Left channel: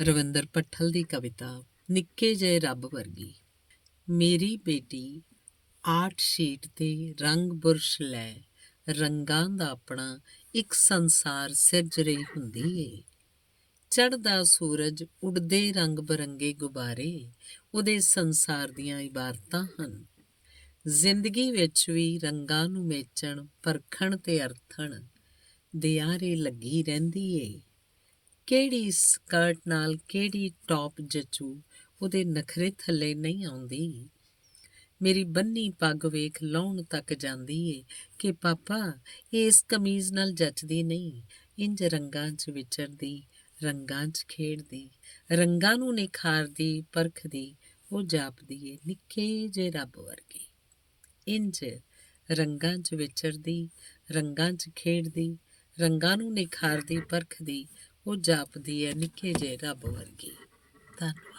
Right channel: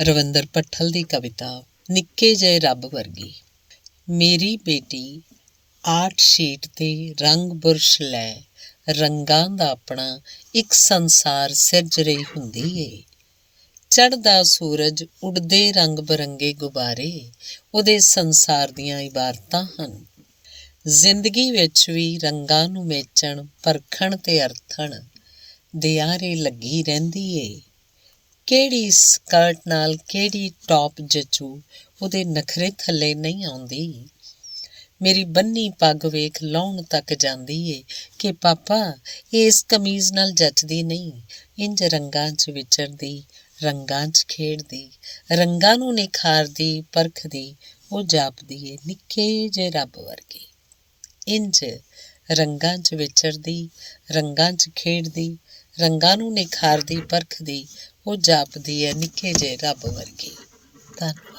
ਰਵਿੰਦਰ ਭੱਠਲ ਦੀ ਕਵਿਤਾ ਨਿੱਕੇ ਜਿਹੇ ਰੱਬ ਵਰਗੀ। ਮੇਰੀ ਬੇਟੀ ਆਰਟ ਸ਼ੀਟ 'ਤੇ ਰੰਗ ਬੁਰਸ਼ ਲੈ ਰੰਗਾਂ ਦਾ ਆਪਣਾ ਇੱਕ ਸੰਸਾਰ ਸਿਰਜ ਰਹੀ ਹੁੰਦੀ ਏ। ਚੜ੍ਹਦਾ ਸੂਰਜ, ਉੱਡਦੇ ਰੰਗ ਬਰੰਗੇ ਗੁਬਾਰੇ ਉਹਦੇ ਸੰਸਾਰ ਦੀਆਂ ਇਬਾਰਤਾਂ ਹਨ। ਜ਼ਿੰਦਗੀ ਵਿੱਚ ਵੀ ਰੰਗਾਂ ਨੂੰ ਮੇਚਣ, ਪਰਖਣ ਤੇ ਅਰਥਣ ਦੇ ਆਰੇ ਲੱਗੀ ਰਹਿੰਦੀ ਏ। ਕਿਹੜੀ ਸਕਰਟ ਨਾਲ ਕਿਹੜੀ ਟੌਪ ਜਚੂ ਉਹਦੇ ਨਖਰੇ ਥੱਲੇ ਨਹੀਂ ਆਉਂਦੀ। ਮੇਰੀ ਬੰਨੀ ਪੱਗ ਵੇਖ ਲਾਹੁਣ ਤੱਕ ਜਾਂਦੀ ਏ ਕਿ ਪਾਪਾ ਇਸ ਕਮੀਜ਼ ਨਾਲ ਜੱਚਦੀ ਨਹੀਂ। ਇੰਝ ਰੰਗਾਂ 'ਚ ਵਿਚਰਦੀ, ਰੰਗਾਂ 'ਚ ਖੇਡਦੀ, ਰੰਗਾਂ ਨੂੰ ਨਿਖਾਰਦੀ ਪਰਖਦੀ ਉਹ ਜਾਪਦੀ ਏ ਨਿੱਕੇ ਜਿਹੇ ਰੱਬ ਵਰਗੀ। ਇੰਝ ਰੰਗਾਂ 'ਚ ਵਿਚਰਦੀ, ਰੰਗਾਂ 'ਚ ਖੇਡਦੀ, ਰੰਗਾਂ ਨੂੰ ਨਿਖਾਰਦੀ ਪਰਖਦੀ ਉਹ ਜਾਪਦੀ ਹੈ ਨਿੱਕੇ ਜਿਹੇ ਰੱਬ ਵਰਗੀ। ਧੰਨਵਾਦ।